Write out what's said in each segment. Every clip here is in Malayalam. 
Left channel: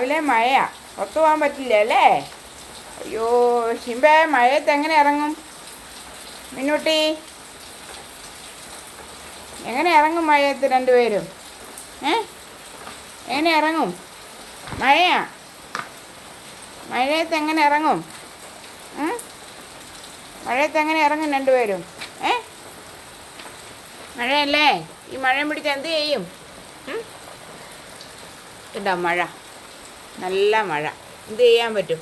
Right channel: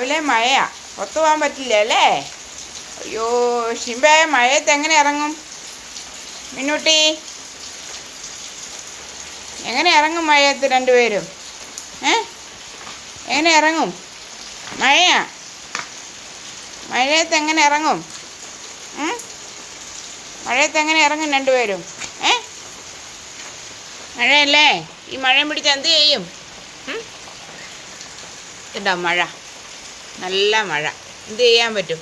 രാവിലെ മഴയാ, പുറത്തു പോകാൻ പറ്റില്ല അല്ലേ? അയ്യോ ഷിംബേ, മഴയത്ത് എങ്ങനെ ഇറങ്ങും? മിന്നൂട്ടി എങ്ങനെ ഇറങ്ങും മഴയത്ത് രണ്ടുപേരും? എങ്ങനെ ഇറങ്ങും? മഴയാ, മഴയത്ത് എങ്ങനെ ഇറങ്ങും? മഴയത്ത് എങ്ങനെ ഇറങ്ങും രണ്ടുപേരും? മഴയല്ലേ, ഈ മഴയും പിടിച്ച് എന്ത് ചെയ്യും? ഇതാ മഴ, നല്ല മഴ, എന്ത് ചെയ്യാൻ പറ്റും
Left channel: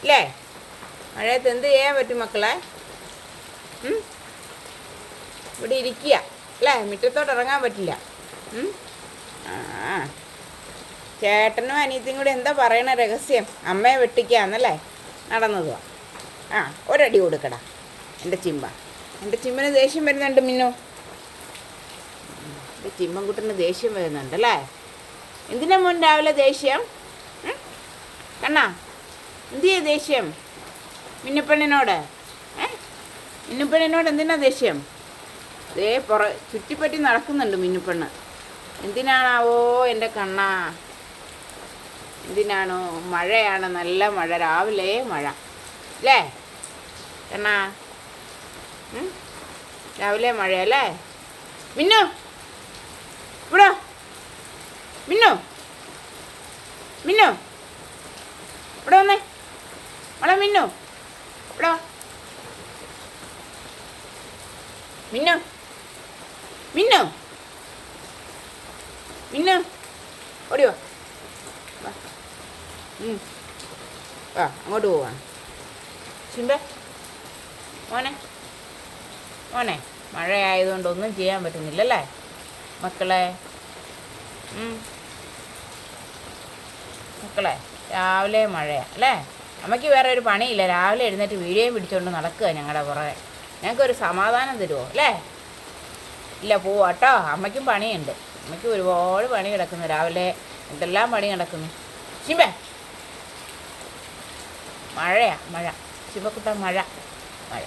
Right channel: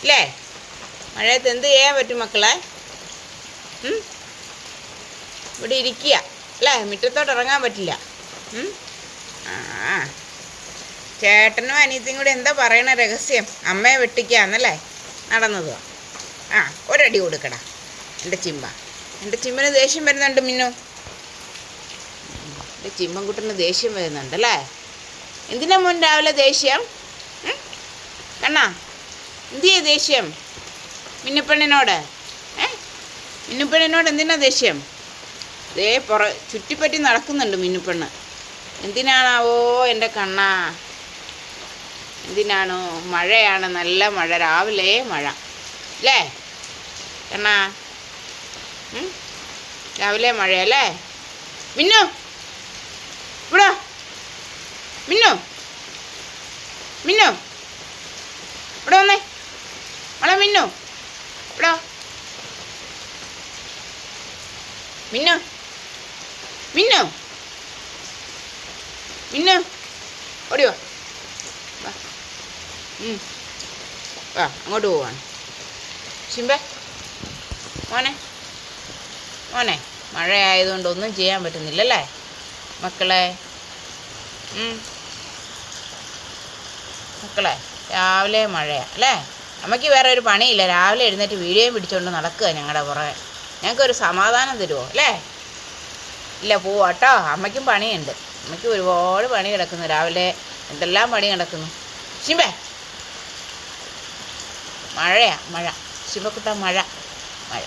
അല്ലേ? മഴയത്ത് എന്ത് ചെയ്യാൻ പറ്റും മക്കളെ? ഇവിടെ ഇരിക്കുക അല്ലേ, മുറ്റത്തോട്ട് ഇറങ്ങാൻ പറ്റില്ല. ആ ചേട്ടനും അനിയത്തിയും കൂടി എന്താ പറയണ രഹസ്യം? അമ്മയെ വെട്ടിക്കാന്നല്ലേ നടന്നതുവാ. ഒരടി കൊടുക്കടാ എൻ്റെ ചിമ്പ. എൻ്റെ ചിമ്മന് ദേഷ്യം വരുന്നുണ്ട് മിന്നു. എൻ്റെ ചിമ്മൻകുട്ടന് ദേഷ്യം വരുന്നുണ്ടല്ലേ? എന്തിനാ മോൻ രാവിലെ ദേഷ്യം? കണ്ണാ, എന്തിയാ ദേഷ്യം മിന്നുപ്പെണ്ണിനോട്? മിന്നുപ്പെണ്ണിനോട് എന്തിനാ ദേഷ്യം? ചുറ്റിപ്പറ്റി നടക്കുന്നുണ്ട് മിന്നുപ്പെണ്ണ്. എന്തിനാണാവോ എൻ്റെ കണ്ണാ? എന്തിനാണോ? മഴയാണ്, നല്ല മഴ, രാവിലെ മഴ അല്ലേ കണ്ണാ? രാവിലെ മഴയല്ലേ? മിന്നു ഇവിടെ, മിന്നു മിന്നു ഇവിടെ വന്നേ, മോളെ മിന്നു ഇവിടെ, മിന്നു മിന്നു മിന്നു ഓടിയോ, വാ അങ്ങോട്ട് പോവാണ്. ഷിംബേ മോനെ, മോനെ മഴ ആയതുകൊണ്ട് ഒന്നും ചെയ്യാൻ പറ്റുന്നില്ലല്ലേ മക്കളെ? മക്കളെ രാവിലെ മഴയാ അല്ലേ? അമ്മയ്ക്ക് വേറെ ഒരു പണിയില്ല, രാവിലെ എഴുന്നേറ്റ് വീഡിയോയും പിടിച്ചുകൊണ്ട് നടക്കുക ഞങ്ങളുടെ പുറകെ. ഞങ്ങൾക്കൊരു സമാധാനം തരുമോ അല്ലേ? ഇല്ല, പോവാട്ടോ, അമ്മയ്ക്കും പണിയുണ്ട്. അമ്മയ്ക്ക് ഒരുപാട് പണി കിടക്കുന്നു, രാവിലെ എന്തെല്ലാം പണി കിടക്കുന്നു. ഷിംബേ മഴയാ, മഴ, ശിവക്കുട്ട മഴ, മഴ.